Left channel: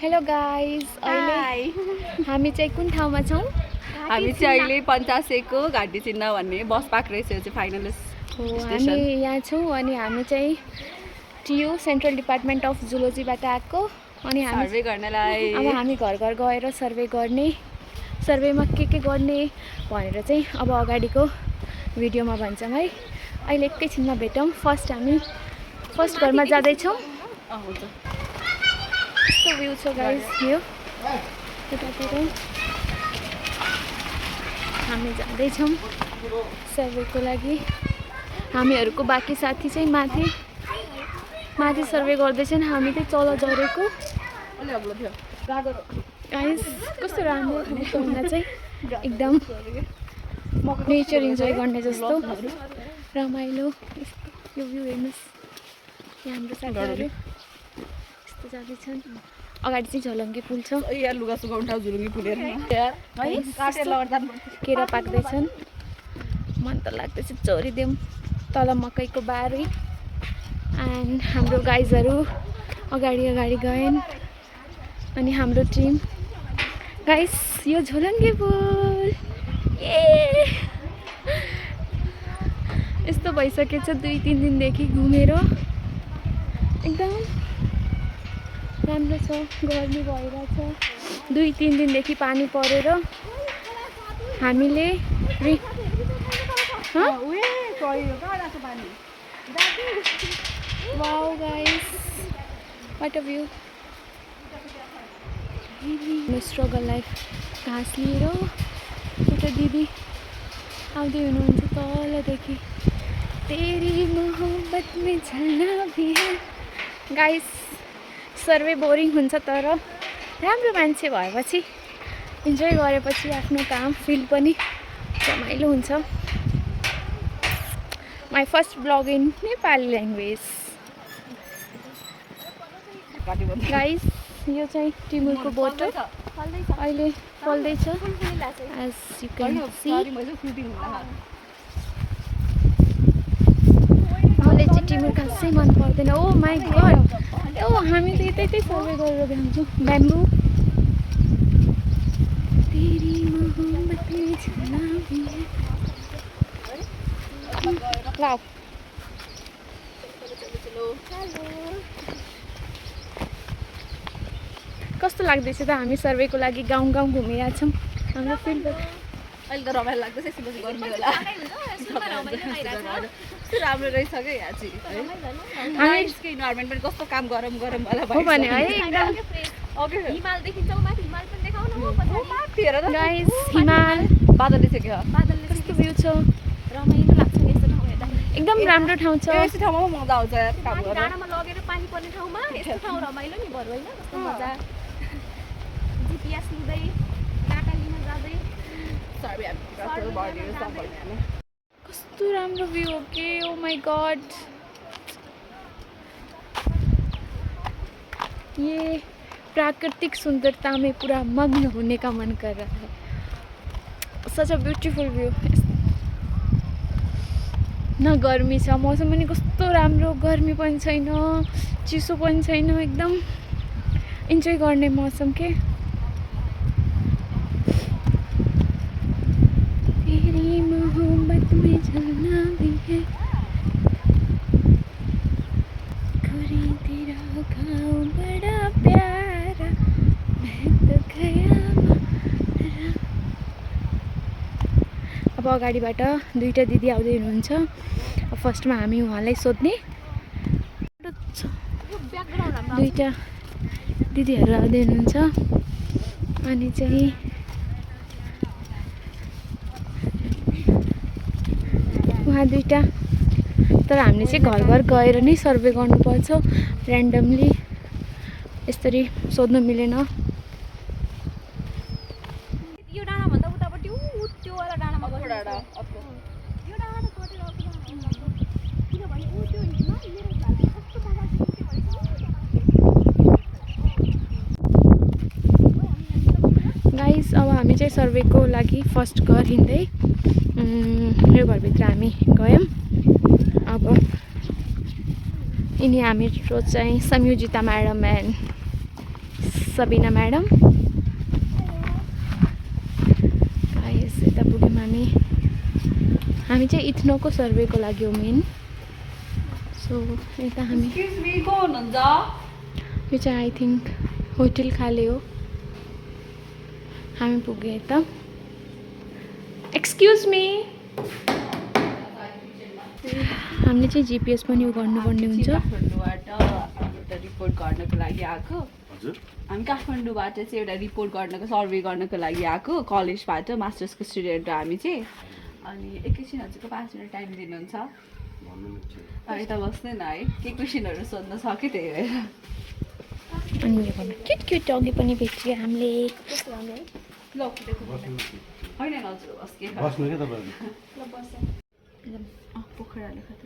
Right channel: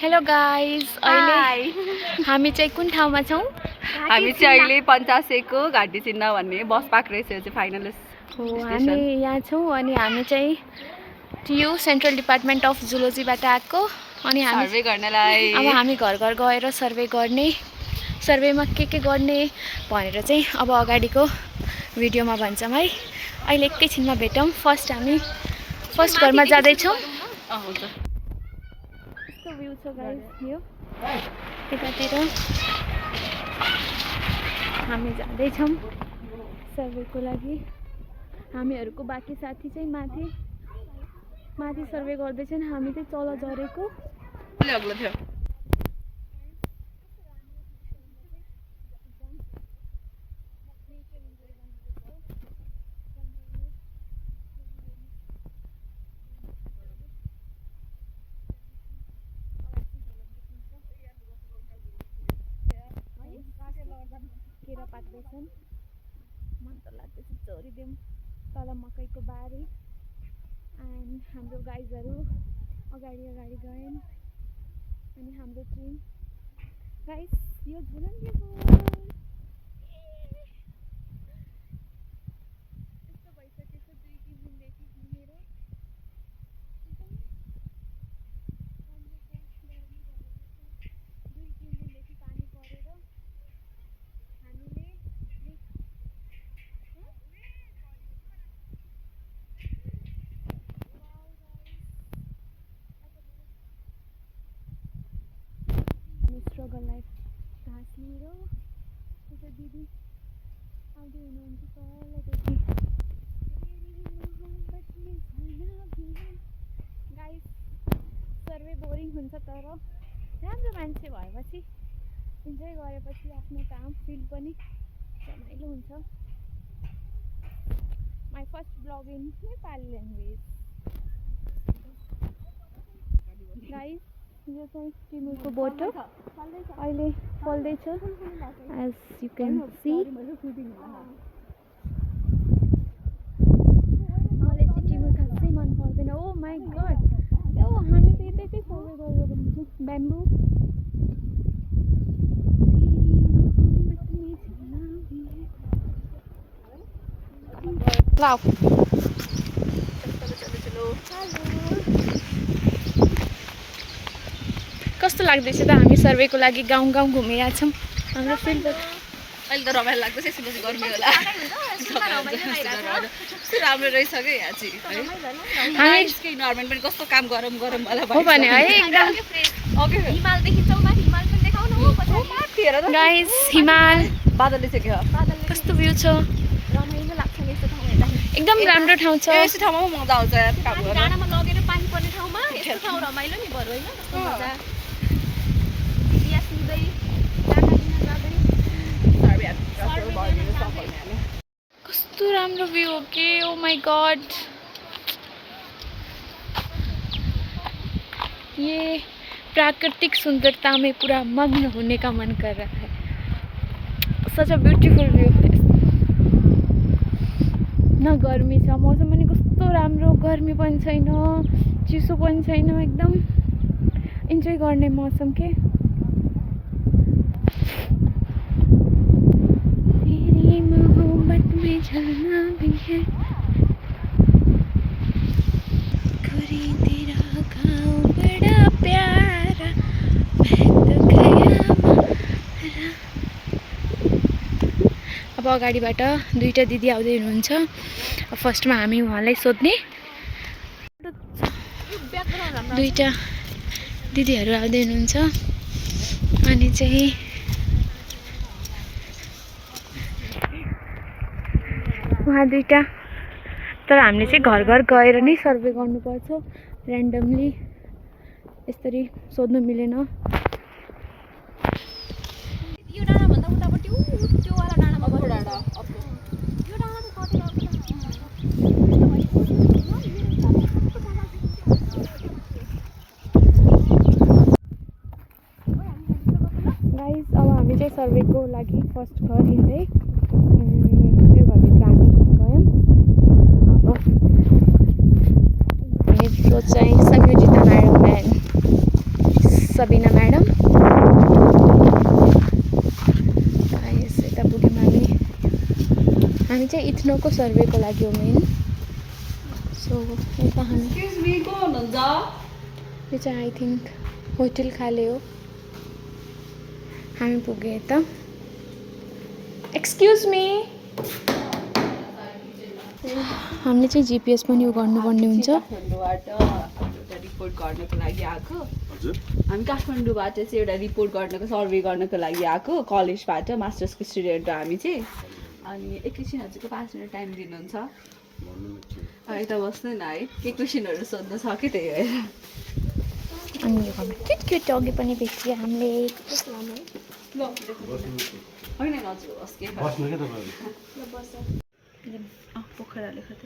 Hello guys, अहिले हामी चाहिँ कुन ठाउँमा छौँ? हामी चाहिँ अहिले पञ्चासेको घाटी चिन्ह भन्ने बस पाएको रहेछ चाहिँ फाइनलिस्ट हो, हामी यहाँ छौँ अनि हामी चाहिँ यो सेन्ट्रल डिपार्टमेन्ट अफ जुलोजीबाट आएको अनि हामी सर्वे गर्नलाई अब हामी घर घर गएर सर्वे गर्ने, सर्वेमा के गर्ने भनेर चाहिँ अब अगाडिको भिडियोमा भन्छौँ है। अहिले एकैछिनमा भेटौँ। हामी फर्स्ट घरमा जाँदैछौँ। हुन्छ यस्तो भ्यू छ गाइज, यो यतातिर हामी जाँदैछौँ सर्वेको लागि। हामीहरूको बाँकी साथी चाहिँ माथि सर्वे गर्दैछन्, हामी चाहिँ तल झरेको। गाइज कस्तो राम्रो ठाउँ भन्दा चाहिँ एकदम नेचर इन्जोय गर्ने जस्तो रमाइलो। यो भ्यू हेर्नुहोस्, यहाँ हाम्रो साथीहरू यस्तो जाँदैछन्। अगाडि चाहिँ झलङ्गे पुल छ, केरा पाक्दैछन्। मन त लाग्दैछ चोरिदेऊ तल मकैको बारी। एन्ड हाम्रो गाइजहरू अगाडि गएन् अनि हाम्रो टिम। गाइस यो झोलङ्गे पुल यस्तो भइसकेछ 2-3 दिनदेखि घुमेर एकदम राम्रो छ। गर्मी भइरहेछ 2-3 दिनदेखि पानी परेर हामीले wow guys, what a view. Struggle life घाँस लिएर एउटा दिदी आउँदै हुनुहुन्छ तलदेखि। तेरी मोहब्बत में झलना भी है। गाइस सर्वे बोरिङ हुन्छ तर राम्रो मान्छे भएपछि इन्जोय गरेपछि आफ्नो काम फिल्ड पनि रमाइलो हुन्छ। My first blog in Nepali language. Guys यो चाहिँ टिमुरको बोटो अहिले फल्दैछ एज यु क्यान सी। मलाई चाहिँ टिमुर खासै मन पर्दैन। ओ माई गड, ओ हामी त यतै सर्वे गरेर भ्याउँछौँ। ब्याम्बु वाउ, कस्तो लाग्दैछ त? हामी सर्वेको लागि गाउँ घुमिरहेको छौँ हाम्रो फिल्डबाट। अहिले त रमाइलो लाग्दैछ, यसपछि गर्मी होला। राम्रो रहेछ क्या यहाँ चाहिँ। हामी इन्भाइरोमेन्ट पनि कस्तो काम गरम वाला हो भने है एकदम। गाइस हिमाल बादल देखिसक्यो, कस्तो भ्यू छ, एकदम राम्रो ठाउँ छ। यस्तो ठाउँमा मजा आउँछ यार काम गर्न। डाँडामा लगेर पानी पर्ने ठाउँमा यस्तो ठाउँ रमाइलो नि बरु हैन। कस्तो मजा, दिदिया सुन्दै डाँडा लिन जाँदै कस्तो राम्रो भ्यू हो के। ओ माई गॉड, ये प्राकृतिक सुंदरता में पूरा मग्न होने का मन कर रहा है। Such a beautiful view. न गर्मी छ, मौसम पनि कस्तो राम्रो, गर्मी पनि छैन चिसो पनि छैन, एकदम इन्जोय गर्ने मौसम के। तेरी मोहब्बत में झलना भी है, गोरी तेरा गाँव बड़ा प्यारा, मैं तो गया मारा। अब अगाडिबाट दुईटा दिदी आउँदै हुनुहुन्छ। फर्स्टमा हामी उहाँलाई सोध्ने, दुईटा दिदीहरू आउँदै हुनुहुन्छ अनि चाहिँ उहाँ दुईटा। तर हामीले चाहिँ घर घर गएर नै सर्वे गर्नुपर्छ, ऱ्यान्डमली यसरी सोध्नु मिलेन। यो डाँडा भन्दा उतापट्टि त्यो वाला डाँडामा गयो डाँडा। यो डाँडा त कटेर गाइस अब हामी चाहिँ सर्वेको लागि फर्स्ट घर हिँड्दै यो घरभित्र हामी गयौँ। अब यिनी हाम्रो चाहिँ Sanyojita madam and Sabina madam. Guys यता पुग्यौँ हामी चाहिँ इथ्नोको सर्वेको लागि हो मेन। सो यता हामी एक्सक्युज मी को हुनुहुन्छ? यो चाहिँ आई थिङ्क होटल खाले हो। हामी पुग्यो यता। एक्सक्युज मी हामीले चाहिँ जिपिएस पनि यो गर्नुपर्ने हुन्छ। काठमाडौँबाट एउटा रिपोर्ट गर्नको लागि आएको। हामी काठमाडौँबाट चाहिँ एउटा रिपोर्ट गर्नको सर्वे गर्नको लागि आएको कलेजबाट मास्टर्सको स्टुडेन्ट हो हामी चाहिँ। अनि एकैछिन हजुरको 5 मिनट टाइम दिनुहुन्छ? यता बस्दैन है, के क्वेसनहरू सोध्न सक्यो त्यही भएर। अनि क्युट क्युट डगी पनि भेट्यो हामीले। ल होइन हजुर होस् के बस्नु के तपाईहरु पोखरा लेख त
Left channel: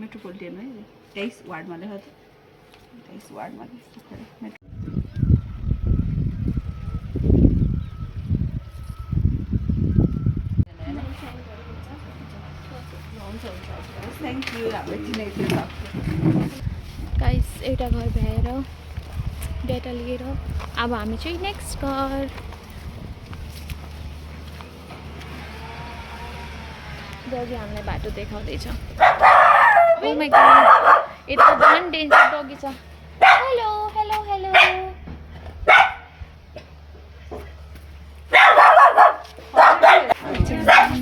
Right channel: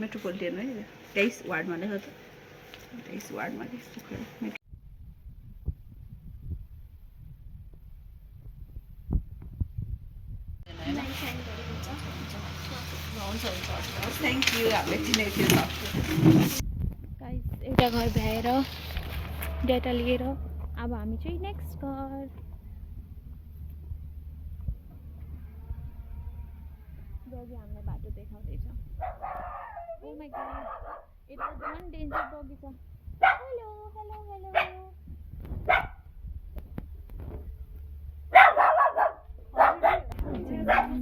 मेट्रोपोलिटन है 23 वार्डमा लेख त 23 वार्डमा लेख पोखरा थ्याङ्क यू। हामीले चिनेको थियौँ। गाइस एउटा घर भ्याएर डेटा लिएर अब हामी चाहिँ नेक्स्ट घर। डगी हामीलाई बाटो देखाउँदैछ। ओ माय गॉड यता झन् डेन्जर डगी छ। हेलो हेलो हेलो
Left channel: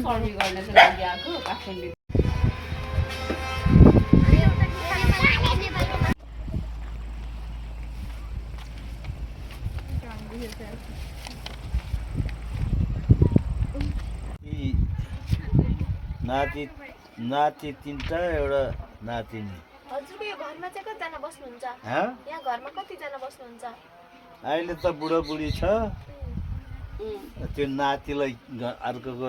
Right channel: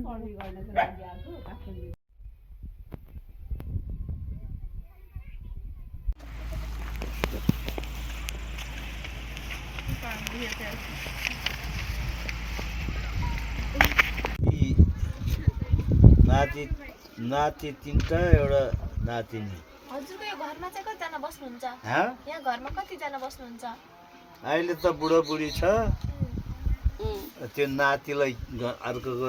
सर्वे गर्नको लागि आएको काठमाडौँ। नाति 3टा एउटा नातिनी। हजुरको यो घरमा चाहिँ कतिजना बस्नुहुन्छ? यहाँ घरमा कतिजना बस्नुहुन्छ? अहिले त बुढोबुढी छ। त्यो नातिलाई अर्कोको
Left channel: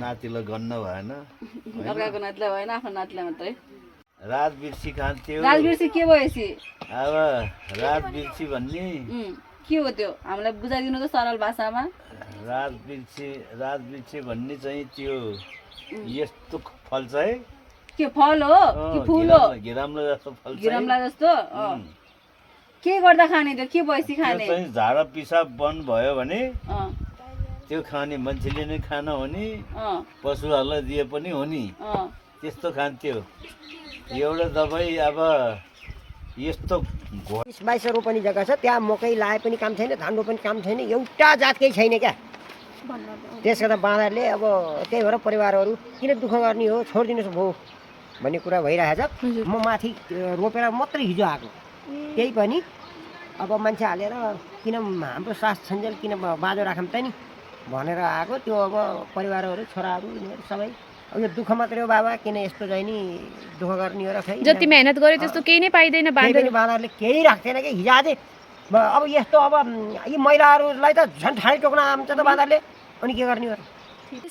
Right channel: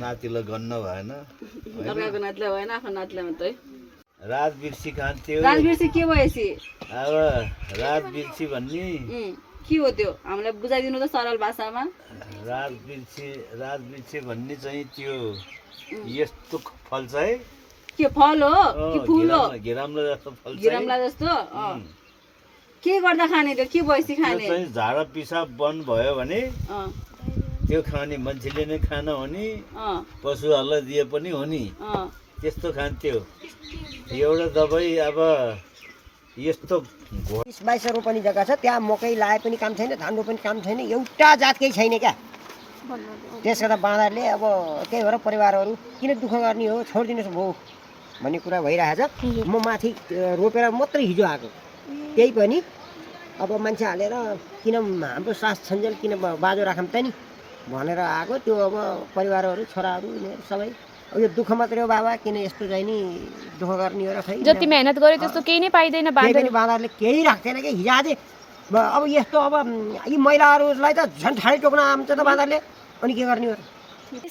नातिलाई गन्न भएन। अर्काको नातिलाई भएन, आफ्नो नातिलाई मात्रै। रात बिर्सी खान्थ्यो। रात बिर्सी के भएपछि? अब रात बिर्सी भन्ने के हो त्यो? हामीलाई बुझाइदिनु त सरल भाषामा। रात बिर्सी भन्ने चाहिँ त्यो यस्तो फल्छ है। के फल हो कि फुल हो? गिराम्ला जस्तो फल्छ। गिराम्ला जस्तो? के गर्दा खाने त्यो? के भएपछि खाने? चाहिँ झाडा पिसाब बन्द भयो भने त्यो खाने मान्छेले नै खान हो नि, पशुहरूलाई दिए पनि हो नि, त्यस्तो खान्थ्यो। एउटा दबाई अब यस्तो 22 रोपनी जग्गा छ, त्यहाँ मकै लाए पनि काम छैन, धान रोप्ने पनि काम छैन, एउटा जातकै छैन क्या। त्यसो गर्दा बाँदरले अब त्यही भएर परिवारहरू किन दुःख गर्ने हो, छोडिदिनुहोस् भो भन्ने कुरा भइरहेछ। म माथि रोपेर मात्रै हिजो आएको, त्यही पनि अब मान्छे हालेर किन हाम्रो सास छन्जेल किन बाँझो राखौँ त नि भनेर आएको। त्यो अब परिवारहरू छोराहरू यिनीहरू सबै अब यो दुःख मात्रै हो बाबा, किन यस्तो चाहिँ नि दुःख गर्ने हो र खै जति मेहनत गरे त्यस्तो केही नै पाइदैन। बाँदरले केही राख्दैन कि हिजो आज अब यस्तो अब यी महिलाहरूलाई त झन् ठाडै टोक्न आउँछ त बाँदरले, अनि के गर्ने हो?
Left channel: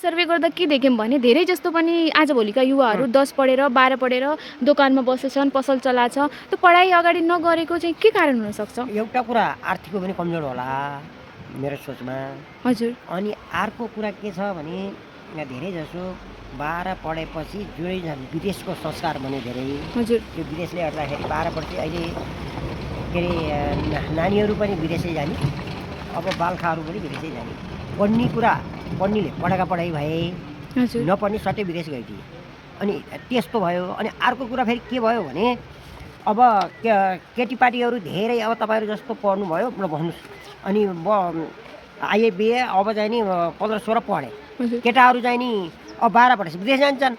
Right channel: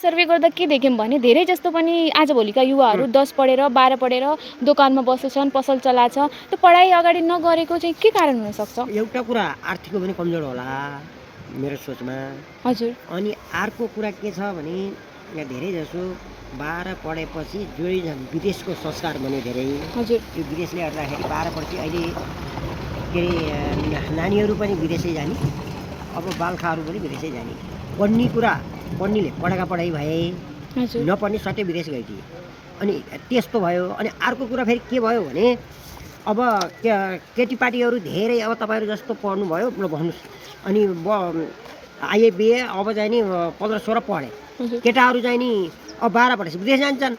सर्वे गर्दा के देख्यौँ भने धेरै जस्तो पनि आजभोलिका युवाहरू 10 पढेर 12 पढेर दोकानमा बसेछन्, पसल चलाछ। त्यो पढाइ अगाडि नगरेको चाहिँ के कारण हुनसक्छ? एउटा कुरा आर्थिक पनि कमजोर होला मेरो सोचमा। हजुर। अनि अर्को कुरा के छ भने यहाँ धेरै जसो 12 पढेपछि जो विदेशको संस्कार भन्यो धेरै। हजुर। त्यो विदेशले गर्दाखेरि 12 पढेपछि अहिले के अरे नानीहरू पनि विदेशै जाने, अब बालखाहरू पनि विदेशै जाने। पढ्ने कुरा पढ्नेले पढाएका पढाइ भए, नपढ्ने सट्टै विदेश गइदिए, अनि त्यस्तो भयो। अनि अर्को कुरा फेरि के भयो भने अब केटीपाटीहरू धेरै अब तपाईँहरू जस्तो पढ्नुभयो ल भन्नुहोस्, अनि आइए बिए अब चाहिँ नि 15-16 पढे, केटाहरू चाहिँ नि अब 12 पढेपछि विदेश जान्छन्।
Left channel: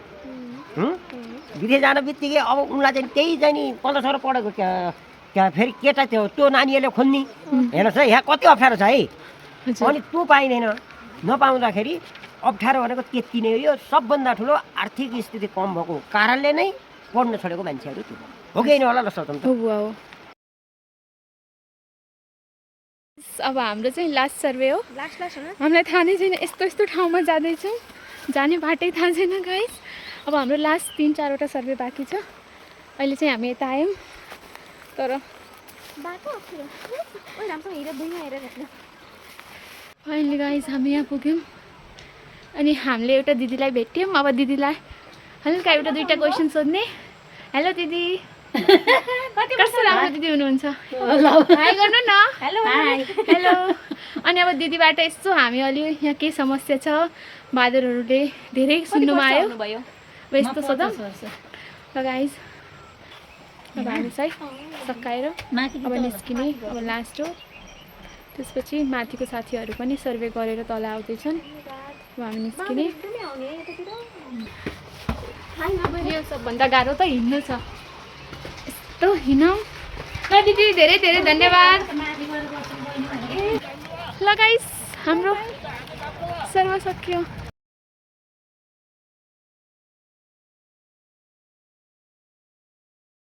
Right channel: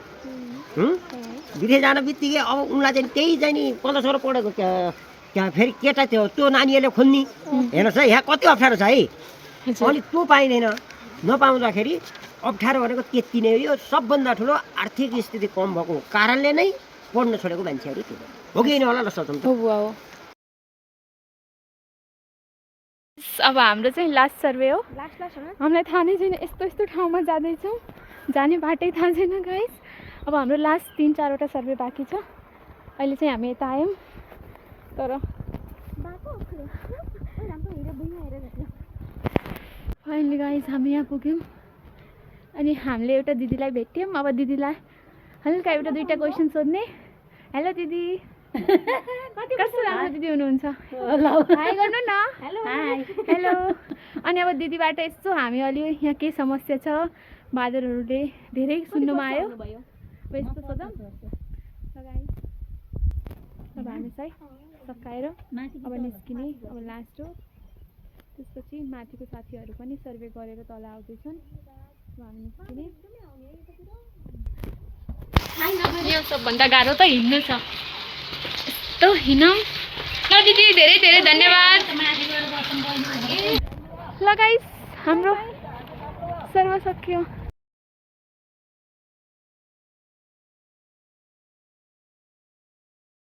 विदेश जान बित्तिकै अब उनलाई चाहिँ त्यही चाहिँ नि 15-16 पढेको क्या फेरि केटा त्यो नानीहरूले खोल्ने हेर्नुहोस् है, यहाँ कति अप्ठ्यारो छ है। अनि त्यो पाइँदैन, नपाउँदाखेरि अप्ठ्यारो भनेको त्यति नै हो। सबभन्दा ठुलो आर्थिक स्थिति कम भएको कारणले नै पढ्न छोडेको मान्छेहरू त्यो हो कि होइन होला ल सोचौँ त। अब हाम्रो चाहिँ लास्ट सर्वे हो। हामीलाई थाहा नै छैन, यस्तो यस्तो ठाउँमा जाँदैछौँ, जाने बाटै थाहा छैन गाइस। अब हाम्रो लास्ट 3-4वटा सर्वे बाँकी छ। अहिले चाहिँ हामी यता आयौँ, तर फाइनली गाइस हामी यहाँ पुग्यौँ। अनि हामीले एउटा दिदीलाई भेट्यौँ। अब दिदीलाई हल्का एउटा 2टा क्वेसन सोध्ने। हेलो दिदी। कस्तो राम्रो दिदी हुनुहुन्छ हाई गर्नु न हेलो अनि अब दिदीबाट यस्तो हामी अलि यहाँ केही समस्या छ बादरहरूले धेरै सुन्नुमा आयो अब यस्तो सोधौँ ल गाइज अब हामी चाहिँ सकाएर अब निस्किने अब लास्ट हो त्यसपछि माथिको साथीहरू पनि सर्वे गरेर तल आउँदैछन् अब हामी निस्किने यो सबभन्दा गाह्रो त हिँड्नु छ यस्तो हिँडौँ ल दिदी धेरै धेरै धन्यवाद ल गाइस हाम्रो सर्व सक्यो